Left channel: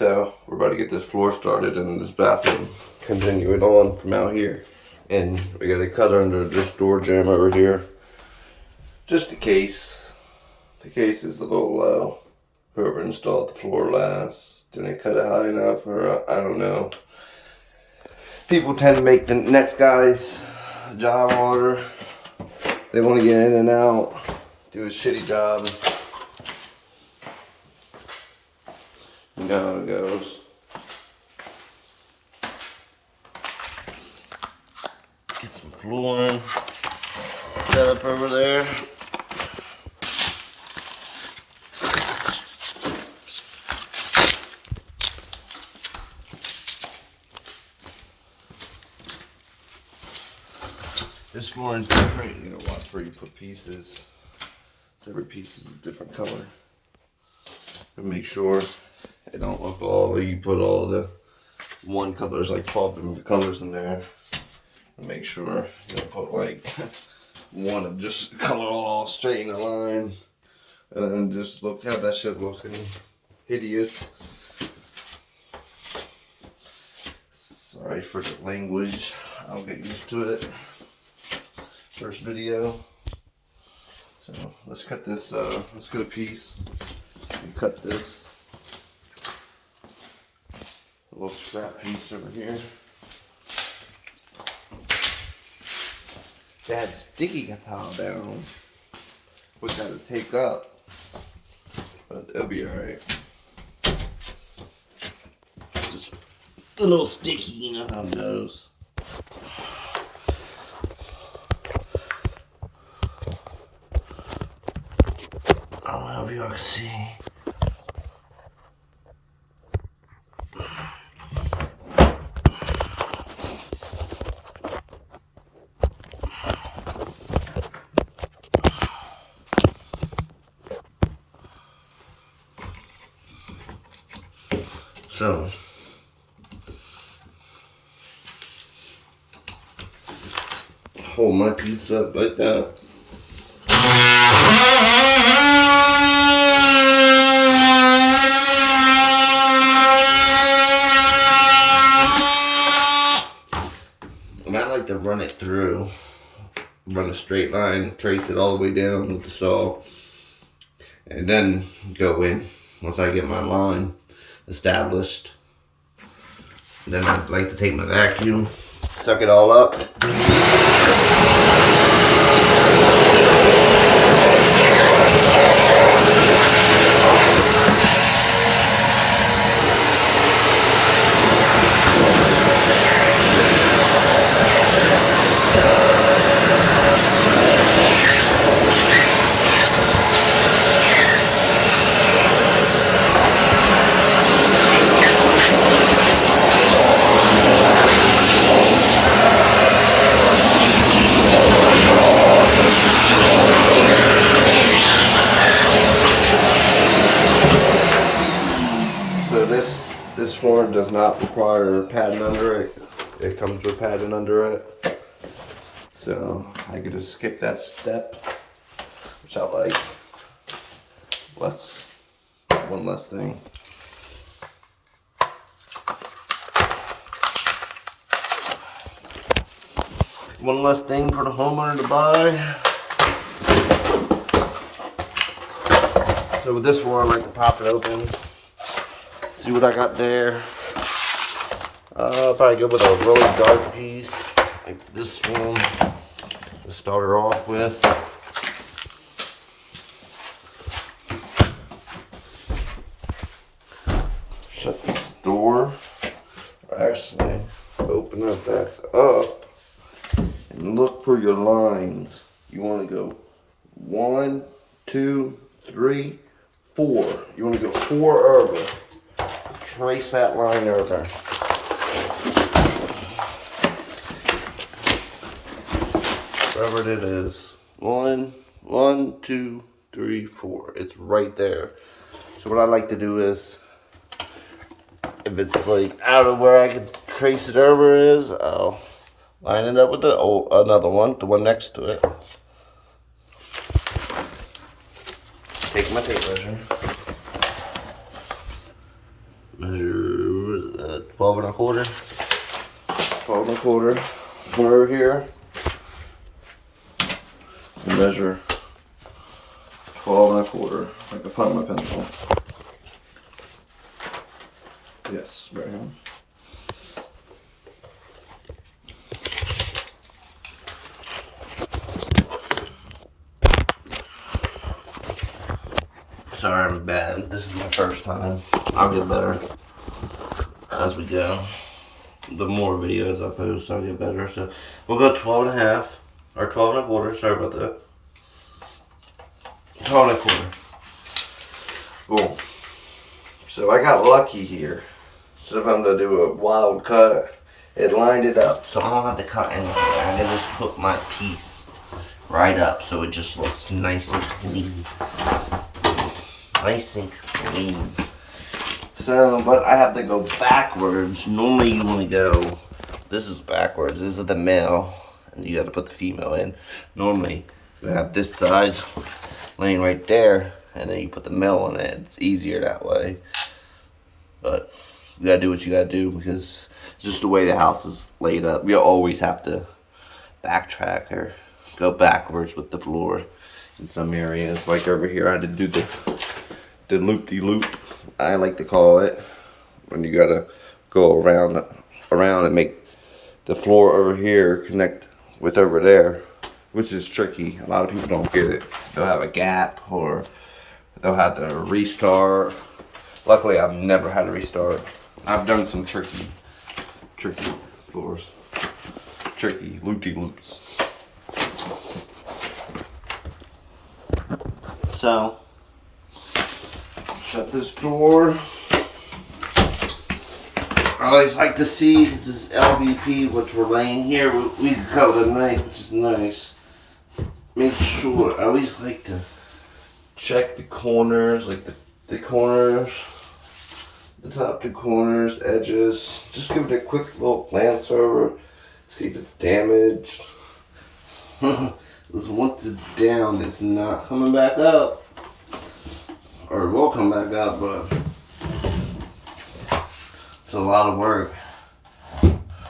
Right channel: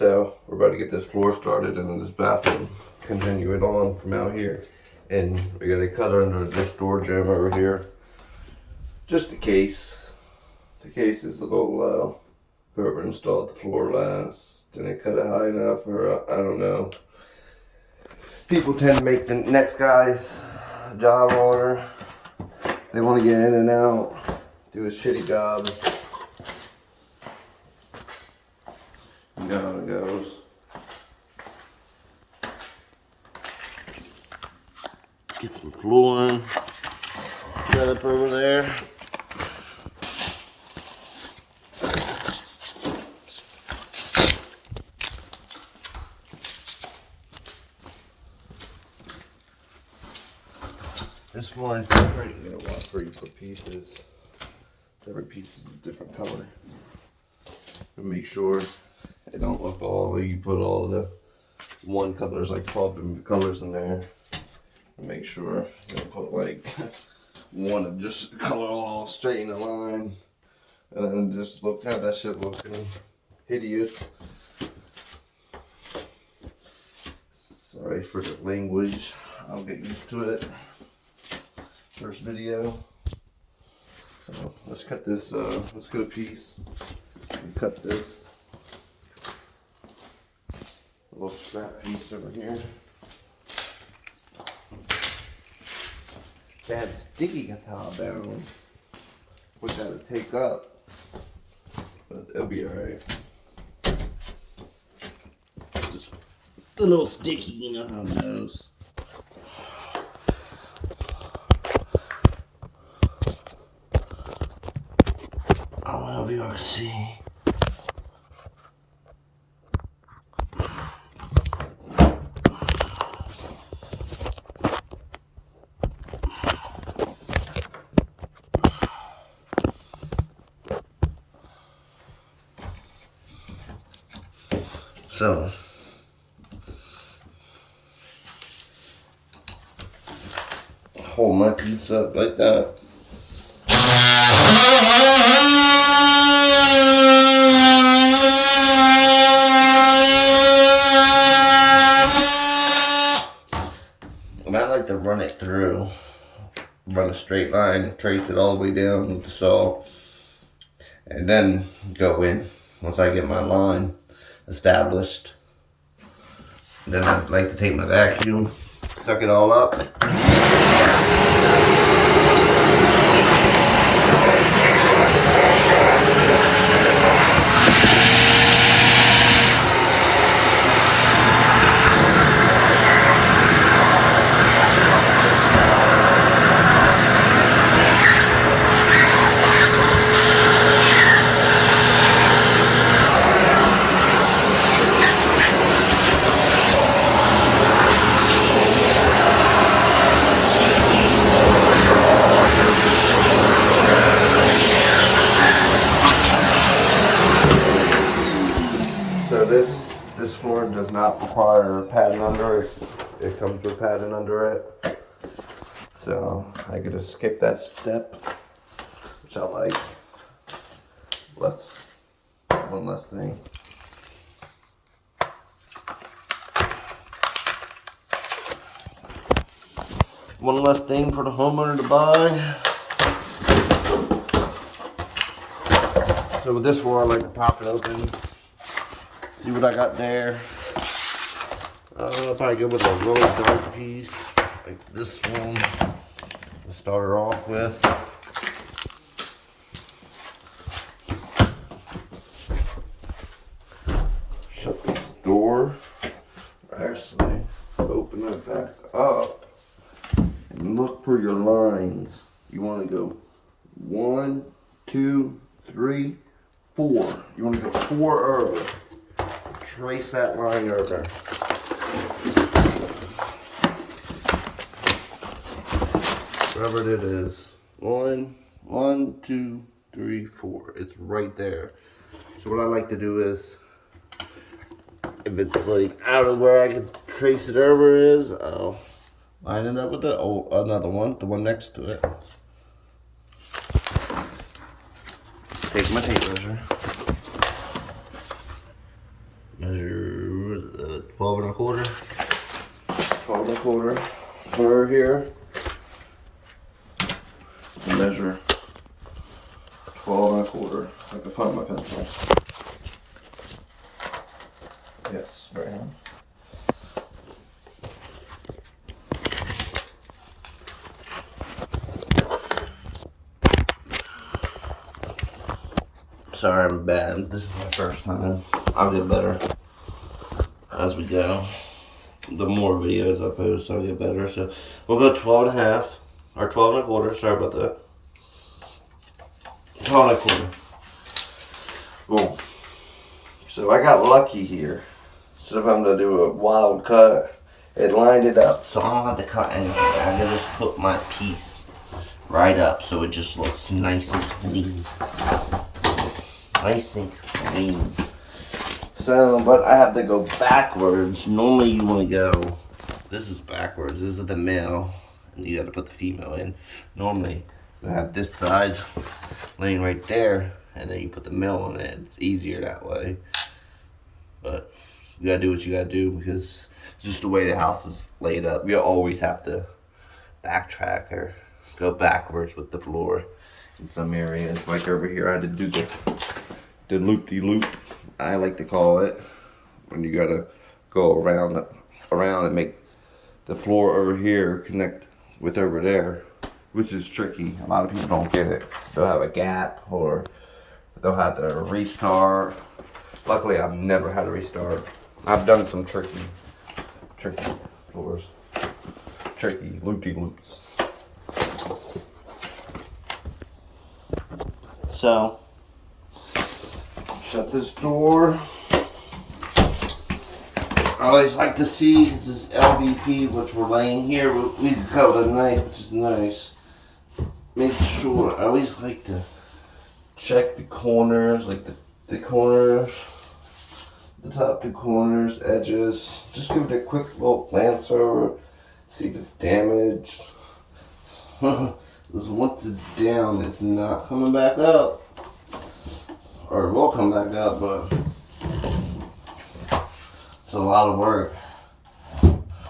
So we're about to get this floor started in this bathroom, continue it on from out here. And we got a cutter under this door jamb over here, just in case. The case is a little low. Whoever installed the floor last didn't cut it high enough, or I don't know. People tend to make the next guy's job harder. They want to get in and out, do a shitty job. You know how it goes. Get some flooring set up over there. This flooring's different. You're gonna want 3 to put pieces. So every piece is a different color. And make sure it don't look all like you put all the one colors, like 12 different colors in there. And make sure you don't put like one of just color all straight in a line. And then just look how that shit looking hideous. Sorry for the language. I'll get used to it. First video. So let's cut this, let's get a piece. We cut this. A little scrap piece over here. That sticky guitar down. We gotta take up. But it'll be alright. Just a little sticky, you know how it goes. I don't know if y'all can see. So hold my piece up like that. And I like to run it through, run a straight line, trace it all the way down with the saw, and then go in once I get my line established. Then I like to take my vacuum, suck it all up. So this form does not require padding under it. It comes with padding under it. So I could just skip that step, which I like. One less thing. One less thing for the homeowner to buy. So with this one, I like to pop it open. See what I got there. I'll probably go with a really dark piece, like this one, to start her off with. Shut this door. Actually, open it back up and look for your lines. You want to go 1, 2, 3, 4. You want to go 4 over. Trace that line over. Wherever it is. 1, 2, 3, 4. It's right there. So what I like to do is, if it's like out of where I can trace it over is, I'll line it up with the another one, the one next to it. Take my tape measure. measure 12 and a quarter. 12 and a quarter. Come over here. Measure 12 and a quarter. I can find my pencil. Yes, right here. Sorry, I'm bad. This is my first time. I'll get better as we go. The more videos I post, I'll get better. So we'll go 12 and a half, or 12 and a quarter. Sorry about that. 12 and a quarter. Boom. So I got lucky here. Instead of having to do a wild cut, it lined it up. So I don't have to cut anything. I can just put my piece right up so it just looks nice and clean. Nice and clean. So, but I have to go backwards. Normally you want to go, this is backwards. This is the male, and you got to put the female in. Normally you have this side laying right there, and then you put the male in it. It's easier that way. But you gotta do what you gotta do because it's just the way the house is laid up. You always have to backtrack or go backwards with the floor in some areas. Like over here, I had to do the loop-de-loop, I like to call it, when you gotta go around and make the floor over here connect with over there, which is tricky. A lot of people don't get it. They'll have a gap or they'll have to restart. Luckily, I've never had to restart. I've done some tricky floors, tricky loop-de-loops. So, shut this door. I always like to see, this is LVP, which we're laying here. We can cut with a knife, which is nice. Make sure, I always like to check the corners, like the corners, the top two corners, edges. Just give it a quick little glance over, see if it's damaged. Because once it's down, it's not coming back up. Or it will come back up, but it's a lot of work.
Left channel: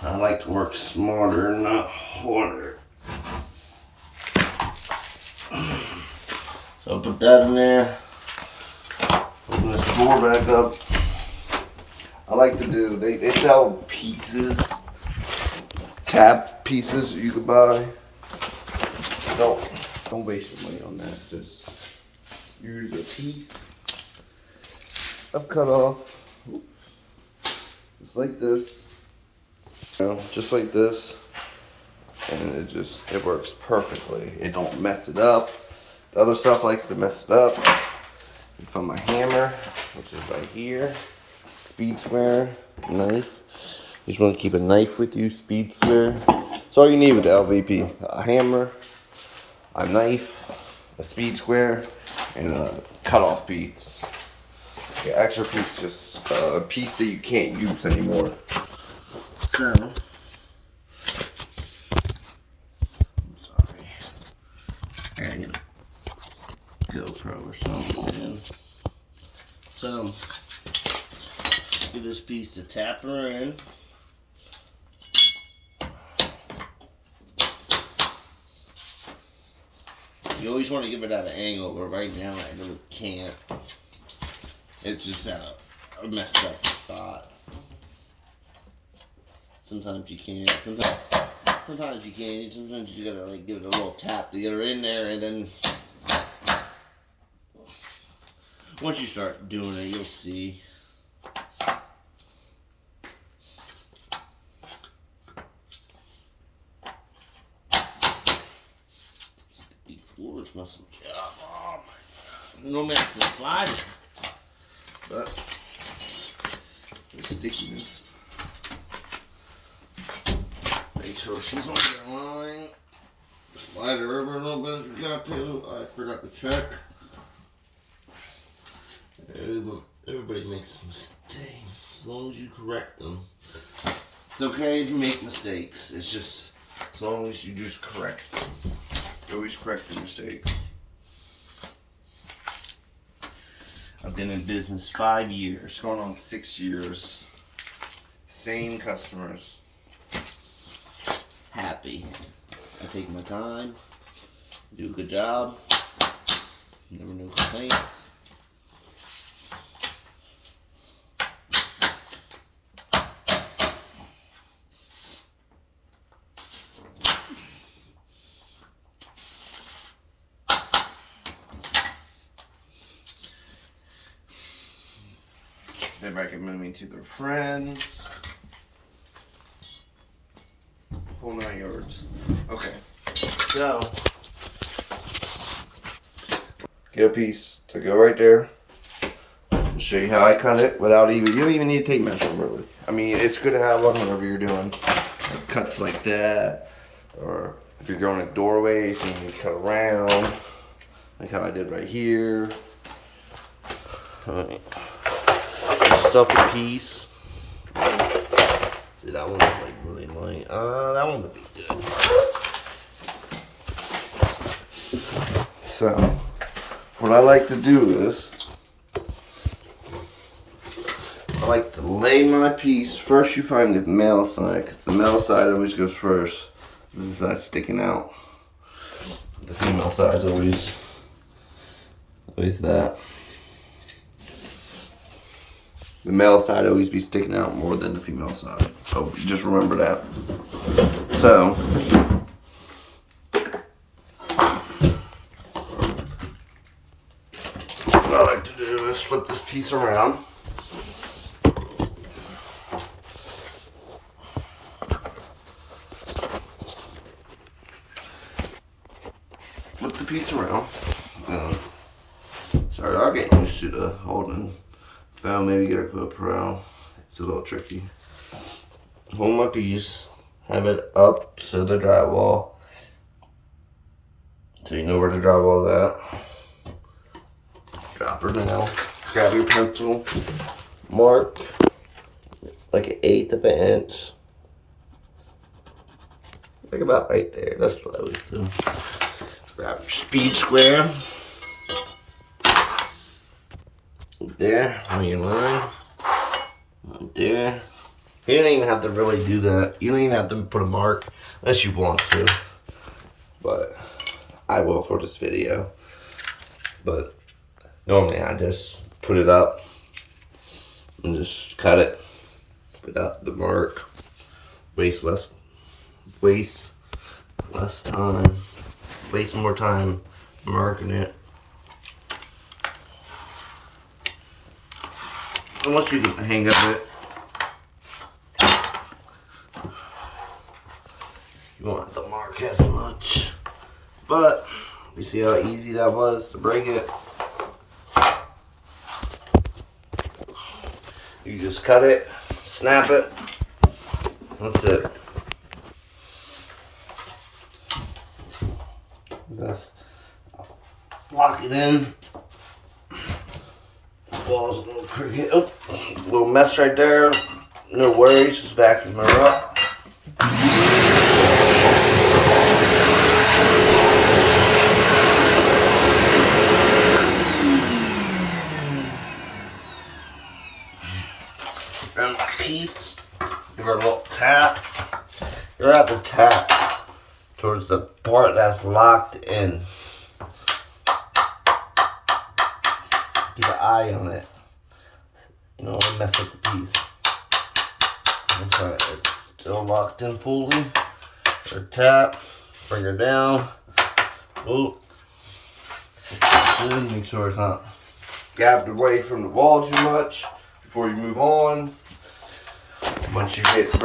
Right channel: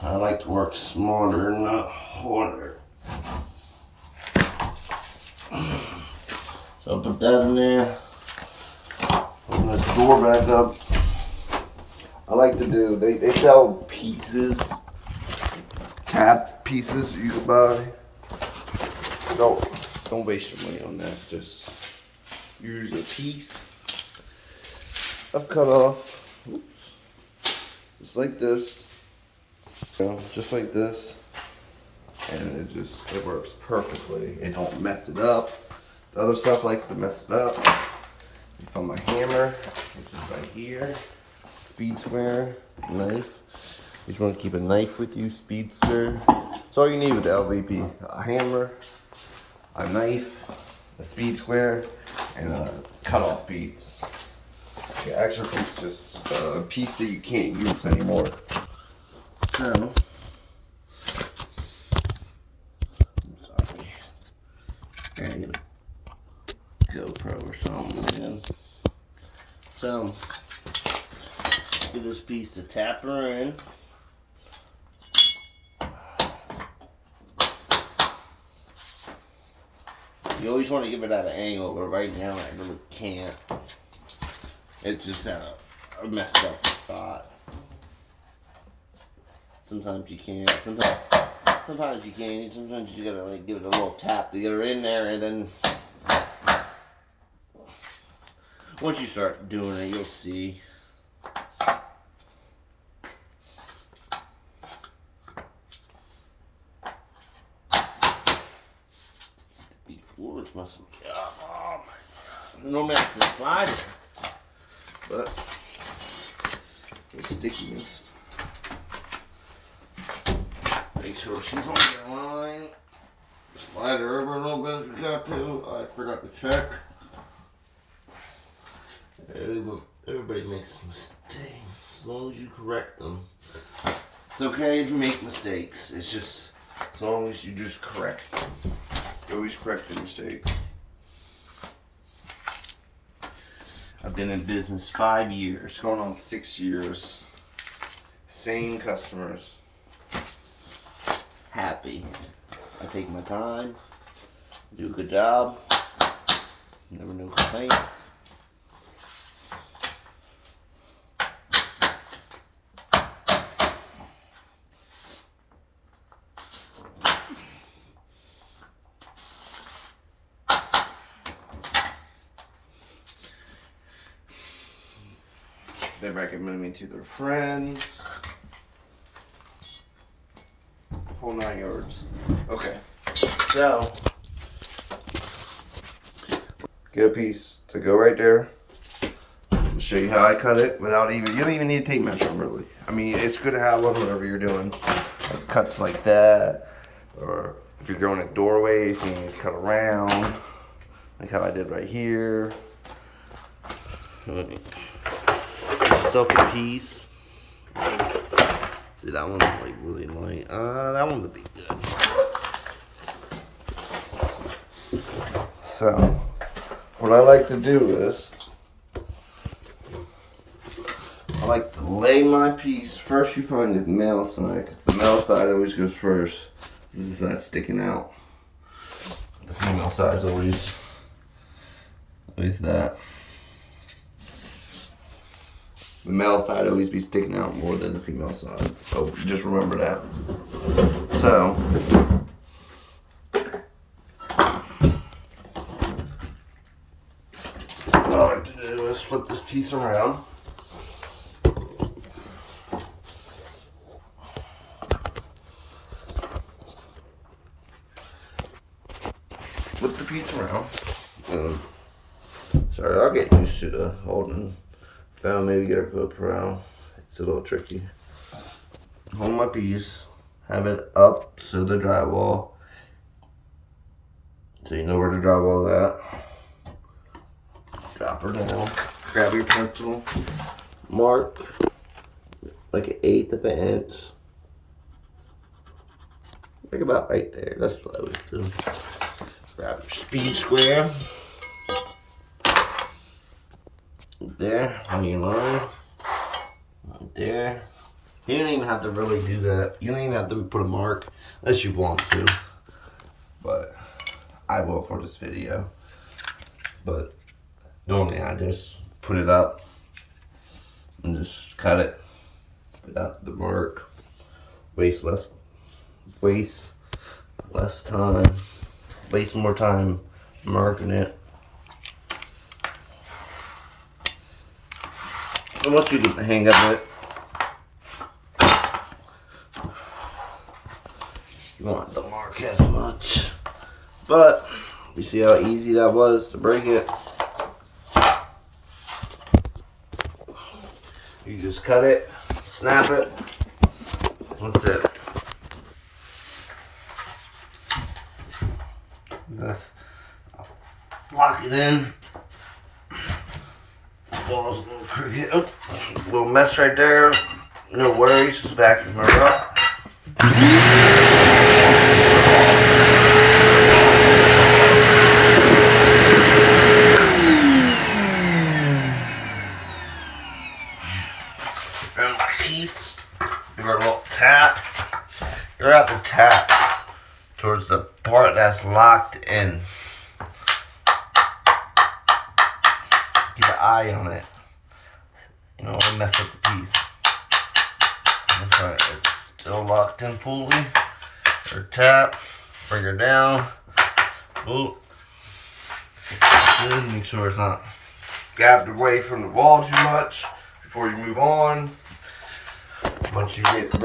I like to work smarter, not harder. So I'll put that in there. Open this door back up. I like to do, they sell pieces, tab pieces you could buy. Don't waste your money on that. Just use a piece I've cut off. Oops. Just like this. You know, just like this. And it works perfectly. It don't mess it up. The other stuff likes to mess it up. You find my hammer, which is right here. Speed square, knife. You just want to keep a knife with you, speed square. That's all you need with the LVP. A hammer, a knife, a speed square, and a cut-off piece. The extra piece is just a piece that you can't use anymore. So, I'm sorry. I get a GoPro or something, man. So, get this piece to tap her in. You always want to give it at an angle, but right now I really can't. It's just at a messed up spot. Sometimes you can't. Sometimes you can. Sometimes you gotta like give it a little tap to get her in there, and then once you start doing it, you'll see. Floors must be up. Oh my god. No mess to slide it. But the stickiness. Make sure she's on the line. Slide her over a little bit as we got to. I forgot to check. Everybody makes mistakes as long as you correct them. It's okay if you make mistakes. It's just as long as you just correct them. Always correct the mistake. I've been in business 5 years, going on 6 years. Same customers. Happy. I take my time, do a good job, never no complaints. They recommend me to their friends. Whole 9 yards. Okay, so get a piece to go right there. I'll show you how I cut it without even, you don't even need a tape measure really. I mean, it's good to have one whenever you're doing like cuts like that, or if you're going in doorways and you cut around, like how I did right here. Yourself a piece. See, that one's like really light. That one would be good. So, what I like to do is, I like to lay my piece. First, you find the male side, because the male side always goes first. This is that sticking out. The female side is always that. The male side always be sticking out more than the female side. So just remember that. So what I like to do is flip this piece around. Flip the piece around. Sorry, I'll get used to the holding phone, maybe get a GoPro. It's a little tricky. Hold my piece, have it up so the drywall, so you know where the drywall's at. Drop her down, grab your pencil, mark like 1/8 of an inch, like about right there. That's what I would do. Grab your speed square. There, on your line, right there. You don't even have to really do that. You don't even have to put a mark unless you want to, but I will for this video. But normally I just put it up and just cut it without the mark. Waste less time, waste more time marking it. And once you get the hang of it, you won't have to mark as much. But you see how easy that was to break it? You just cut it, snap it, that's it. Just lock it in. Wall's a little crooked. Oh, little mess right there. No worries, just vacuum her up. And my piece, give her a little tap. You're at the tap towards the part that's locked in. Keep an eye on it. You don't want to mess up the piece. Okay, it's still locked in fully. Or tap, bring her down. Oh, good. Make sure it's not gapped away from the wall too much before you move on. Once you get